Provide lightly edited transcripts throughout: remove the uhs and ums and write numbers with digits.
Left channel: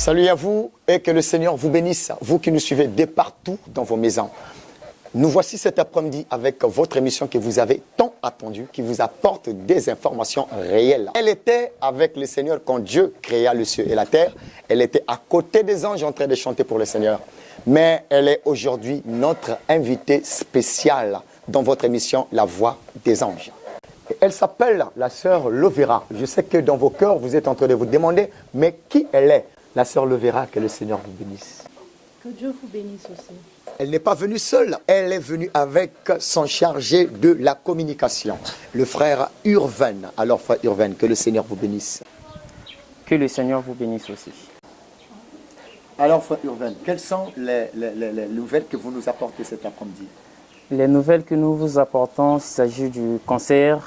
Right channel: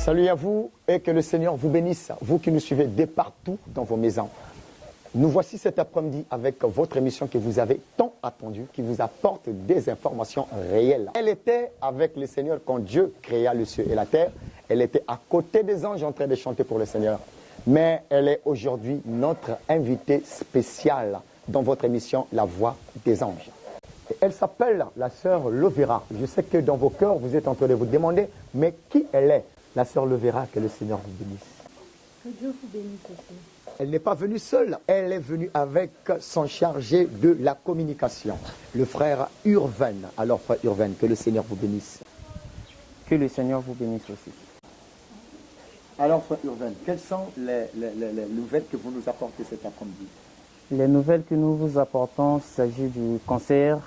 Salut à vous et que le Seigneur vous bénisse, vous qui nous suivez de partout dans vos maisons. Nous voici cet après-midi avec votre émission que vous avez tant attendue, qui vous apporte des informations réelles. Elle était avec le Seigneur quand Dieu créa le ciel et la terre. Elle était à côté des anges en train de chanter pour le Seigneur. Mais elle est aujourd'hui notre invitée spéciale dans votre émission La Voix des Anges. Elle s'appelle la sœur Lovera. Je sais que dans vos cœurs, vous êtes en train de vous demander, mais qui elle est? La sœur Lovera, que le Seigneur vous bénisse. Que Dieu vous bénisse aussi. Elle n'est pas venue seule, elle est venue avec son chargé de la communication, le frère Urvain. Alors frère Urvain, que le Seigneur vous bénisse. Que le Seigneur vous bénisse aussi. Alors frère Urvain, quelles sont les nouvelles que vous nous apportez cet après-midi? Les nouvelles que nous vous apportons, il s'agit du concert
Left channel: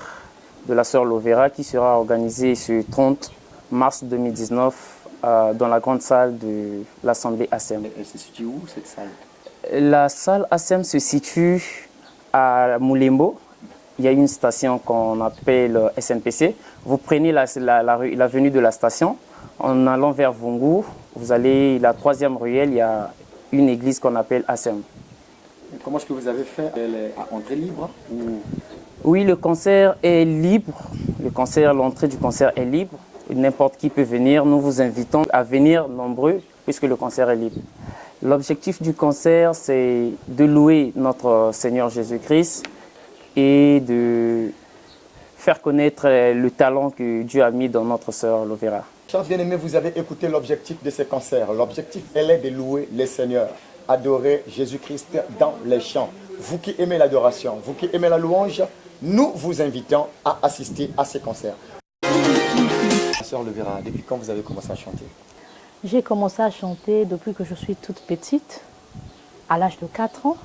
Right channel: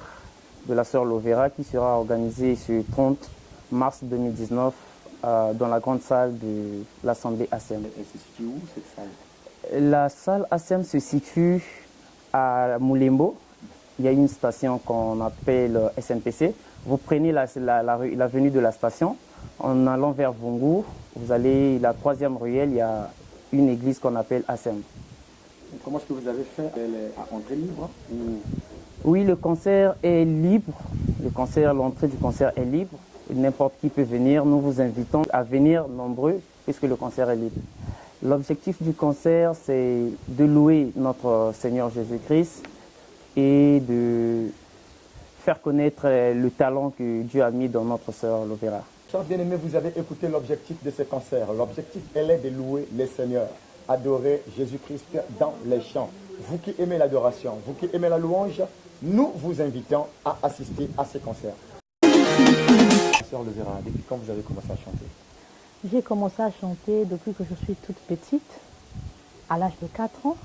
de la sœur Lovera qui sera organisé ce 30 mars 2019 dans la grande salle de l'Assemblée ASEM. Elle se situe où cette salle? La salle ASEM se situe à Moulembo. Il y a une station qu'on appelle SNPC. Vous prenez l'avenue de la station. En allant vers Vungu, vous allez la 3e ruelle, il y a une église qu'on appelle ASEM. Comment est-ce que vous avez fait? Elle est à entrée libre ou... Oui, le concert est libre. L'entrée du concert est libre. N'importe qui peut venir. Nous vous invitons à venir nombreux puisque le concert est libre. L'objectif du concert, c'est de louer notre Seigneur Jésus-Christ et de faire connaître le talent que Dieu a mis dans notre sœur Lovera. Chers bien-aimés, vous avez écouté l'objectif de ce concert. L'objectif, elle est de louer le Seigneur, adorer Jésus-Christ dans les chants. Vous qui aimez l'adoration, vous qui aimez la louange, nous vous invitons à assister à ce concert. Sœur Lovera, depuis quand vous avez commencé à chanter? J'ai commencé à chanter depuis que je suis toute petite, à l'âge de 4 ans.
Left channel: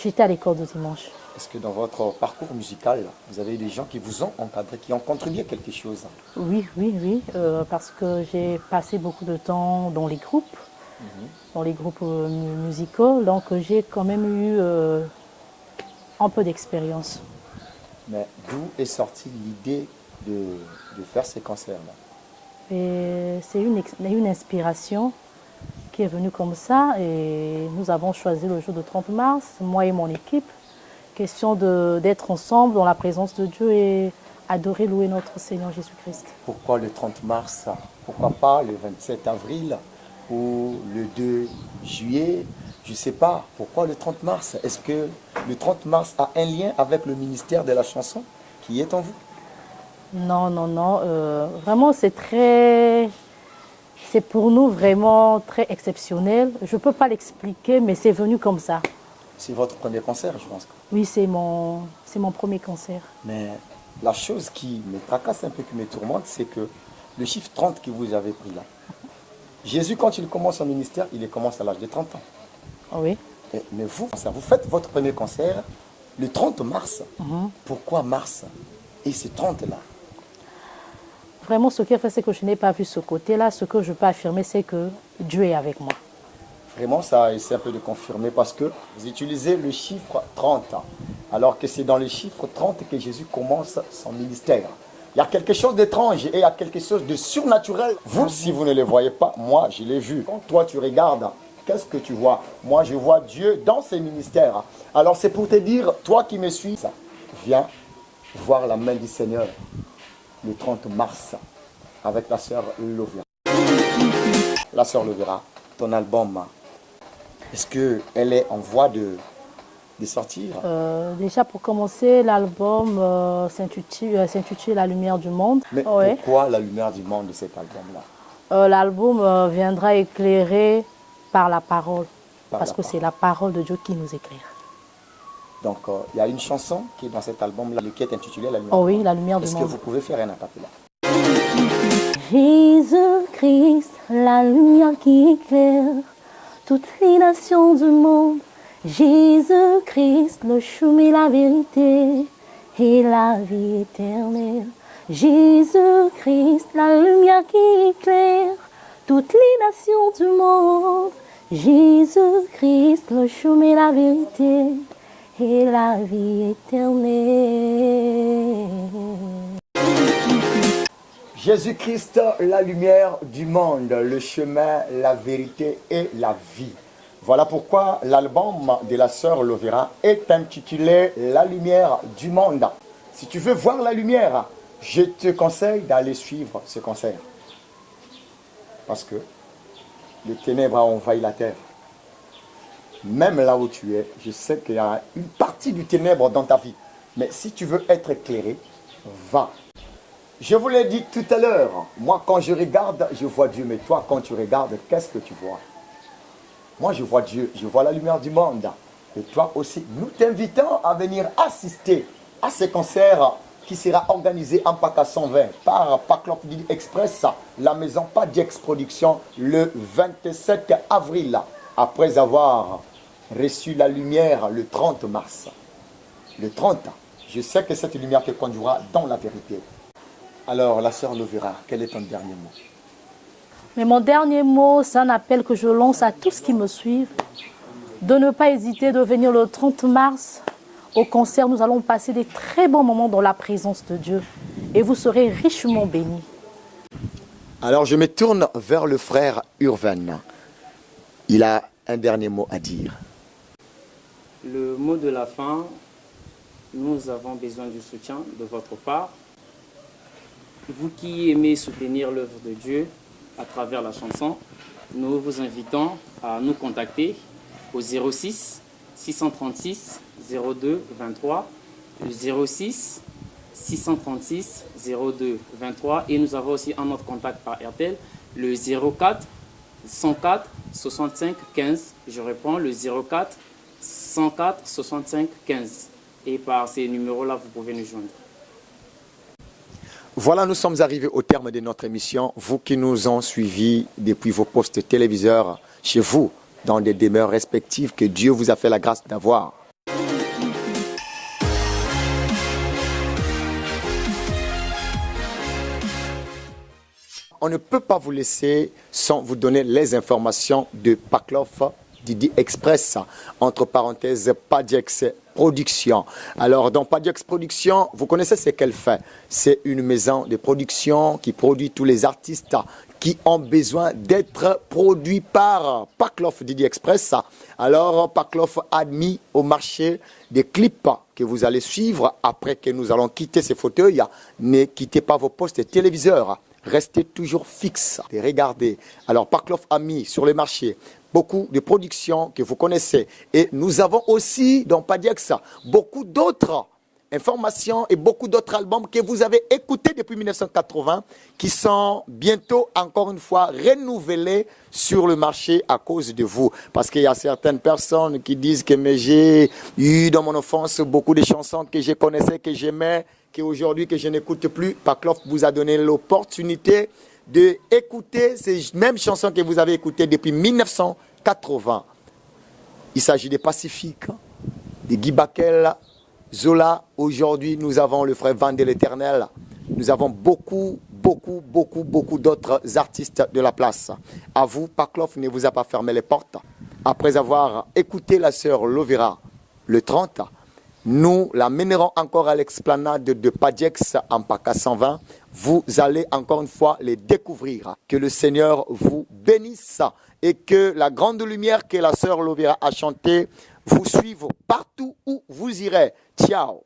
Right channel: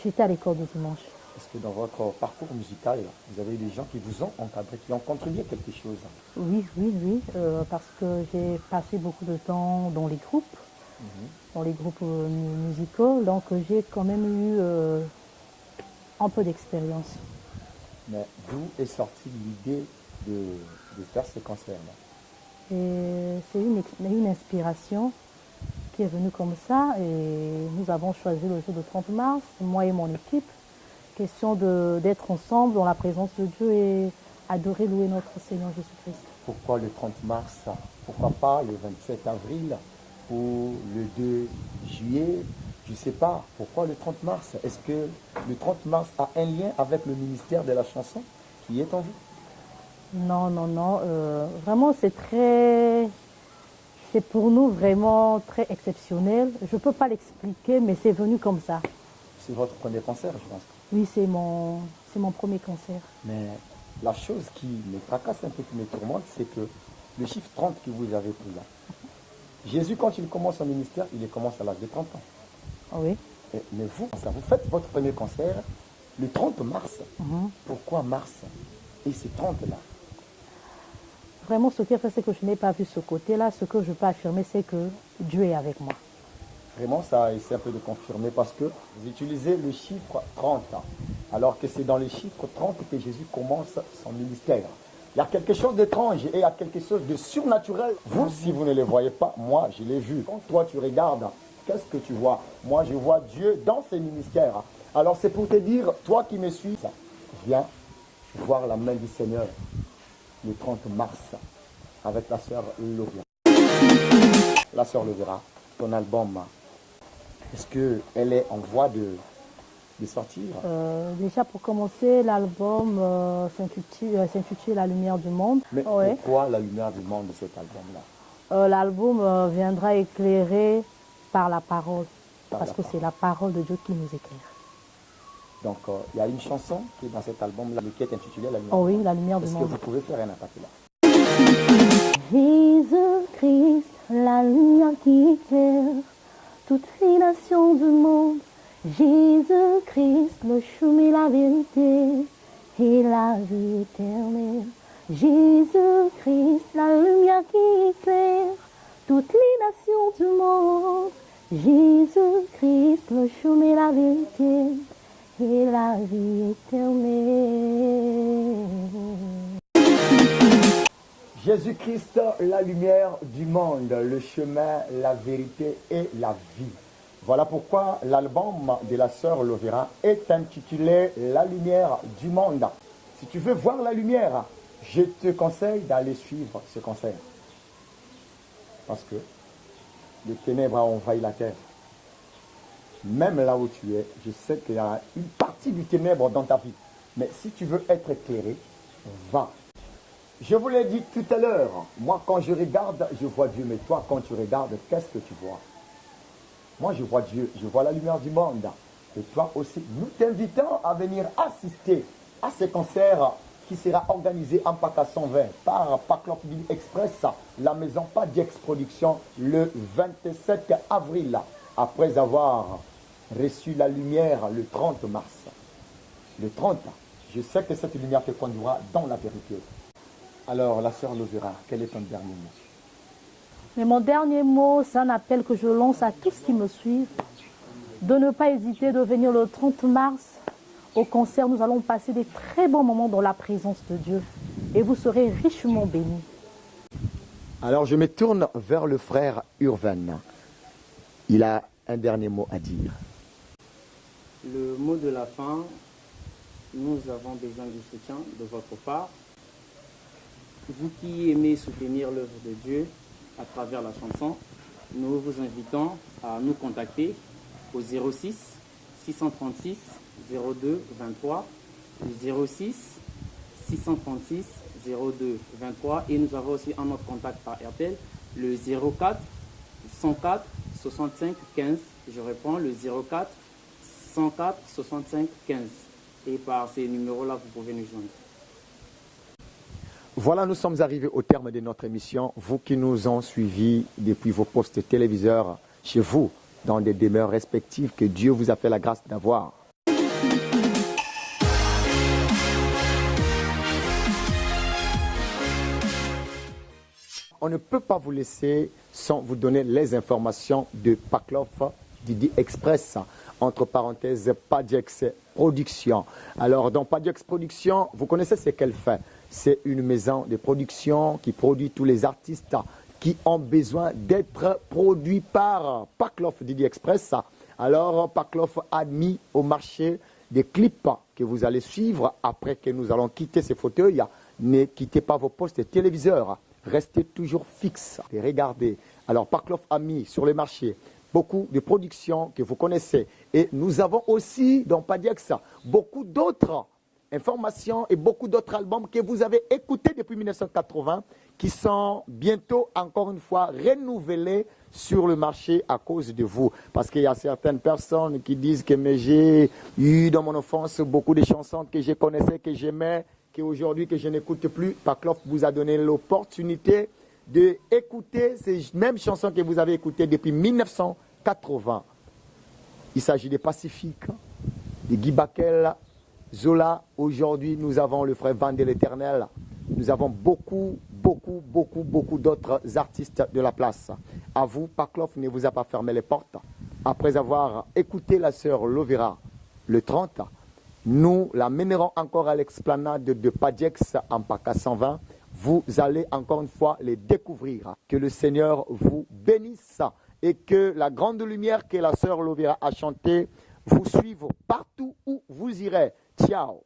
J'étais à l'école de dimanche. Est-ce que dans votre parcours musical, vous avez des gens qui vous ont encadré, qui ont contribué à quelque chose? Oui, parce que j'ai passé beaucoup de temps dans les groupes, musicaux, donc j'ai quand même eu un peu d'expérience. Mais d'où est sortie l'idée de faire ces concerts-là? Et c'est une inspiration qui est venue comme ça et nous avons choisi le jour de 30 mars, moi et mon équipe, question d'être ensemble dans la présence de Dieu et adorer, louer notre Seigneur Jésus-Christ. Pourquoi le 30 mars? Pourquoi pas le 27 avril ou le 2 juillet? Je ne sais pas. Pourquoi le 30 mars? Est-ce que le 30 mars a un lien avec le ministère de la chanson qui est en vous? Non. Vraiment, c'est pour nous vraiment très exceptionnel. Je ne peux pas l'expliquer, mais c'est venu comme ça. C'est votre premier concert, je pense. Oui, c'est mon premier concert. Mais la chose qui me tracasse un peu, qui me tourmente, c'est que le chiffre 30 que vous avez pris là, Jésus, quand il commence son ministère, il commence à l'âge de 30 ans. Oui. Mais vous faites votre premier concert le 30 mars. Pourquoi mars? Et c'est 30 là? Vraiment, ce qui est fait, c'est que je n'ai pas vu ce côté-là. Ce que je peux affirmer, c'est que Dieu est avec moi. Vraiment, ça essaie un peu de confirmer parce que vous utilisez le chiffre 30, alors que c'est dans le chiffre 30 que Jésus commence son ministère. Il y a quelque chose d'étrange et il y a quelque chose de surnaturel. Vous, si vous ne le voyez pas, moi, je l'ai vu. Quand toi, tu regardes, qu'est-ce que tu vois? Moi, je vois Dieu dans ses ministères. Alors, c'est pour te dire, toi qui me suis, viens voir la main du Seigneur le 30 mars avec la sœur Lovera. La sœur Lovera, ton album, est-ce qu'elle est en voie de sortir? Déjà, pour commencer, l'album s'intitule La Lumière du Monde. Mais pourquoi La Lumière du Monde de cet album-là? L'album viendra éclairer par la parole, parce que c'est la parole de Dieu qui nous éclaire. Donc, il y a une chanson qui est dans cet album-là, qui est intitulée La Lumière. Oh oui, La Lumière du Monde. Est-ce que vous pouvez faire un acapella? Jésus-Christ, la lumière qui éclaire toutes les nations du monde. Jésus-Christ, le chemin, la vérité et la vie éternelle. Jésus-Christ, la lumière qui éclaire toutes les nations du monde. Jésus-Christ, le chemin, la vérité et la vie éternelle. Jésus-Christ, la lumière du monde, le chemin, la vérité et la vie. Voilà pourquoi l'album de la sœur Lovera est intitulé La lumière du monde. Si tu veux voir la lumière, je te conseille d'aller suivre ce concert. Parce que les ténèbres ont envahi la terre. Même là où tu es, je sais qu'il y a une partie du ténèbre dans ta vie. Mais si tu veux être éclairé, va. Je vous l'ai dit tout à l'heure, moi quand je regarde, je vois Dieu. Mais toi, quand tu regardes, qu'est-ce que tu vois? Moi, je vois Dieu, je vois la lumière du monde. Et toi aussi, nous t'invitons à venir assister à ce concert qui sera organisé en PACA 120 par Paclop Express, la maison Padiex Production, le 27 avril, après avoir reçu la lumière le 30 mars. Le 30, je sais que cette lumière te conduira dans la vérité. Alors, la sœur Lovera, quel est ton dernier mot? Mais mon dernier mot, c'est un appel que je lance à tous qui me suivent, de ne pas hésiter de venir le 30 mars au concert. Nous allons passer des très bons moments dans la présence de Dieu et vous serez richement bénis. Alors, je me tourne vers le frère Urven. Il a un dernier mot à dire. Le mot de la fin, nous avons besoin du soutien de votre part. Vous qui aimez soutenir l'œuvre de Dieu à travers la chanson, nous vous invitons à nous contacter au 06 636 02 23, le 06 636 02 23, et nous avons aussi un autre contact par RTL, le 04 104 65 15. Je réponds, le 04 104 65 15. Et par ces numéros-là, vous pouvez nous joindre. Voilà, nous sommes arrivés au terme de notre émission. Vous qui nous ont suivis depuis vos postes téléviseurs, chez vous, dans des demeures respectives que Dieu vous a fait la grâce d'avoir. On ne peut pas vous laisser sans vous donner les informations de Paclov Didi Express, entre parenthèses Padiex Production. Alors dans Padiex Production, vous connaissez ce qu'elle fait. C'est une maison de production qui produit tous les artistes qui ont besoin d'être produits par Paclov Didi Express. Alors Paclov a mis au marché des clips que vous allez suivre après que nous allons quitter ces fauteuils. Ne quittez pas vos postes téléviseurs. Restez toujours fixe et regardez. Alors Paclov a mis sur le marché beaucoup de productions que vous connaissez. Et nous avons aussi dans Padiex beaucoup d'autres informations et beaucoup d'autres albums que vous avez écoutés depuis 1980 qui sont bientôt encore une fois renouvelés sur le marché à cause de vous. Parce qu'il y a certaines personnes qui disent que j'ai eu dans mon enfance beaucoup de chansons que je connaissais, que j'aimais, qu'aujourd'hui que je n'écoute plus. Paclov vous a donné l'opportunité d'écouter ces mêmes chansons que vous avez écoutées depuis 1980. Il s'agit des Pacifiques, de Guy Bakel, Zola. Aujourd'hui, nous avons le frère Van de l'Éternel. Nous avons beaucoup d'autres artistes de la place. À vous, Paclov ne vous a pas fermé les portes. Après avoir écouté la sœur Lovera le 30, nous la mènerons encore à l'explanade de Padiex en PACA 120. Vous allez encore une fois les découvrir. Que le Seigneur vous bénisse et que la grande lumière que la sœur Lovera a chantée vous suive partout où vous irez. Ciao.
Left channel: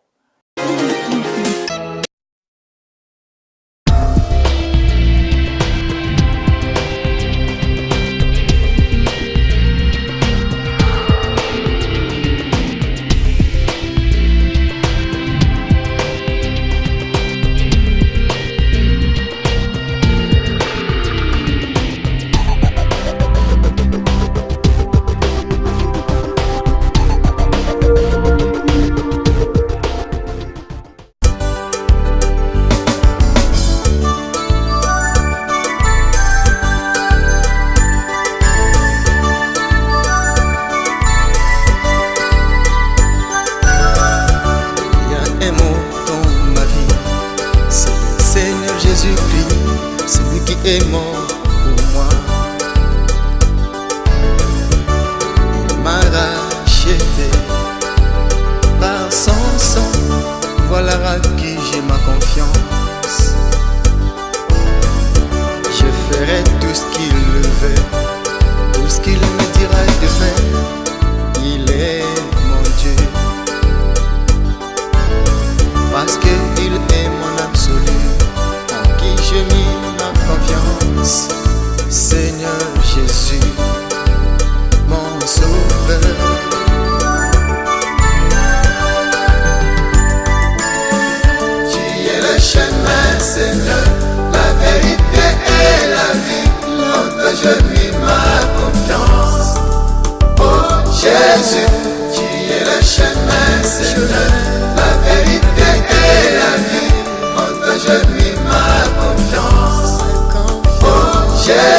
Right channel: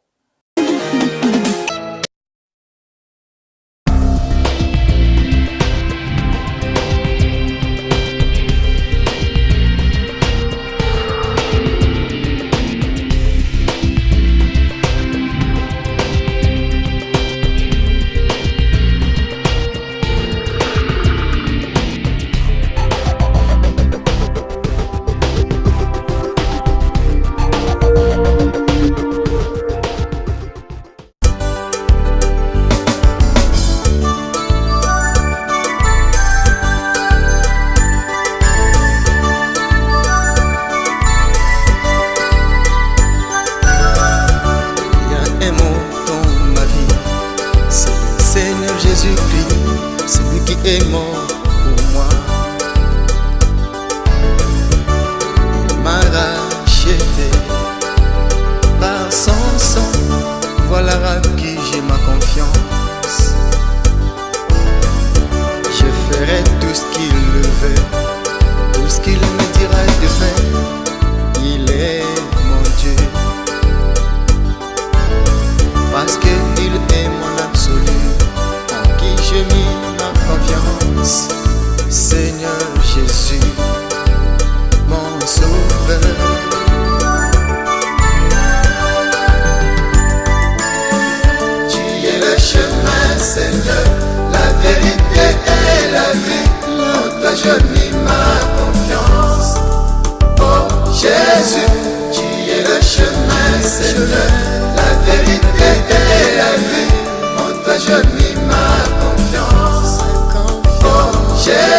Est mort pour moi. Il m'a racheté par son sang. Voilà à qui j'ai ma confiance.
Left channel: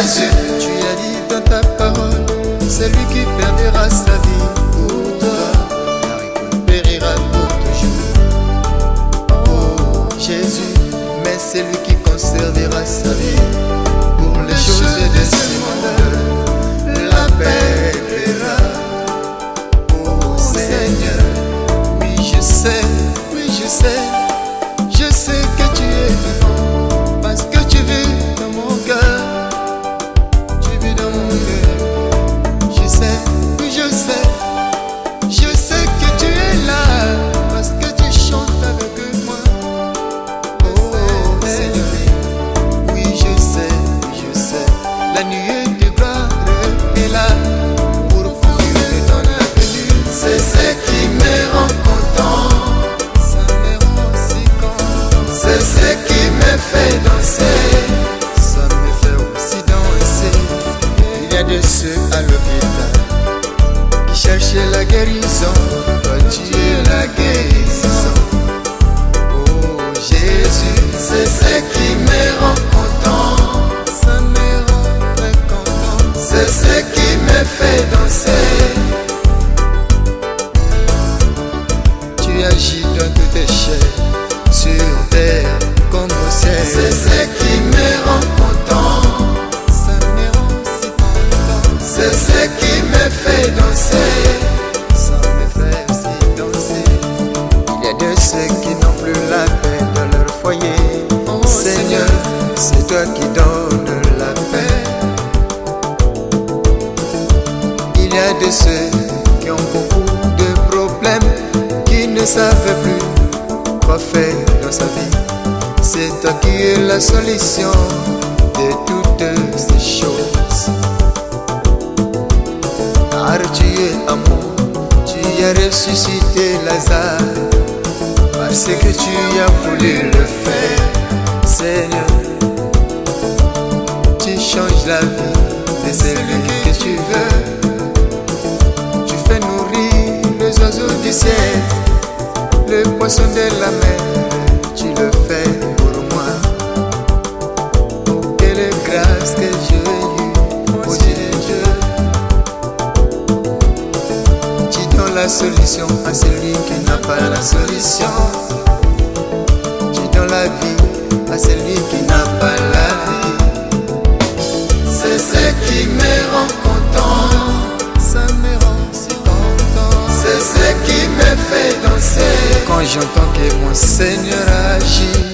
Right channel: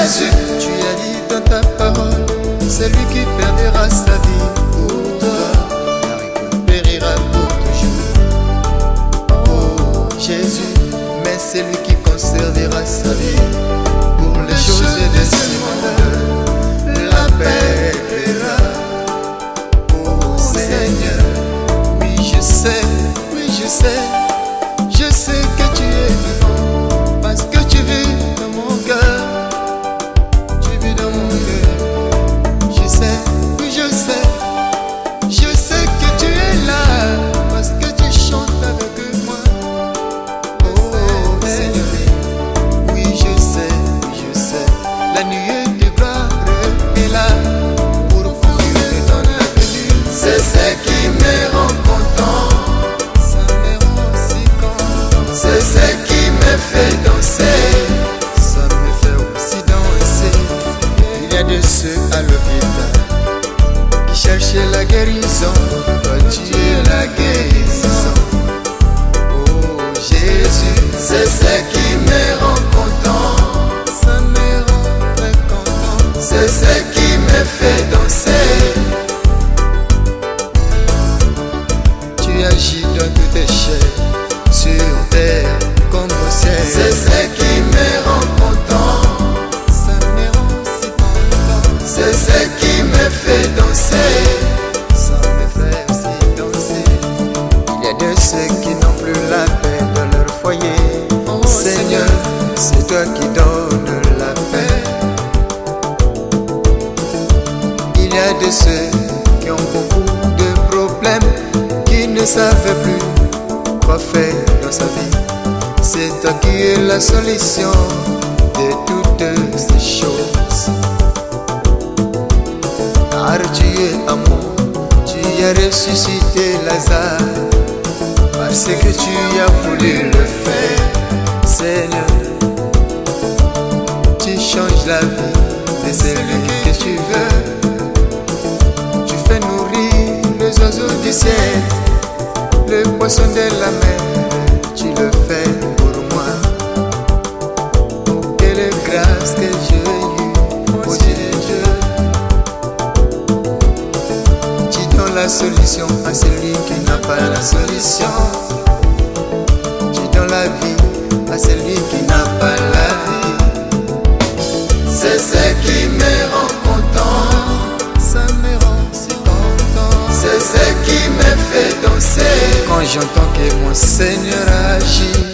Jésus. Tu as dit dans ta parole, celui qui perdra sa vie pour toi la récupérera pour toujours. Oh Jésus, mais celui qui conservera sa vie pour les choses de ce monde, la paix verra. Oh Seigneur, oui je sais, je sais que tu es vivant, parce que tu vis dans mon cœur, tu vis dans mon cœur. Je sais, oui je sais que tu es là, parce que tu chantes avec moi. Oh Seigneur, oui je sais, la nuée de gloire est là pour ouvrir ton avenir. C'est ce qui me rend content, ça me rend si content. C'est ce qui me fait danser, ça me fait aussi danser. Il y a de ceux à l'hôpital qui cherchaient la guérison, toi tu es la guérison. Oh Jésus, c'est ce qui me rend content, ça me rend très content. C'est ce qui me fait danser. Tu agis dans toutes tes chairs, sur terre comme au ciel. C'est ce qui me rend content, ça me rend si content. C'est ce qui me fait danser, ça me fait aussi danser. Il y a de ceux qui n'ont plus la paix dans leur foyer. Oh Seigneur, c'est toi qui donnes la paix. Il y a de ceux qui ont beaucoup de problèmes, qui ne savent plus quoi faire dans sa vie. C'est toi qui es la solution de toutes ces choses. Car tu es amour, tu as ressuscité Lazare, parce que tu as voulu le faire. Seigneur, tu changes la vie de celui que tu veux. Tu fais nourrir les oiseaux du ciel, le poisson de la mer, tu le fais pour moi. Oh, quelle grâce que j'ai eue, oh Dieu. Tu donnes la solution à celui qui n'a pas la solution. Tu donnes la vie à celui qui n'a pas la vie. C'est ce qui me rend content, ça me rend si content. C'est ce qui me fait danser quand j'entends que mon Seigneur agit.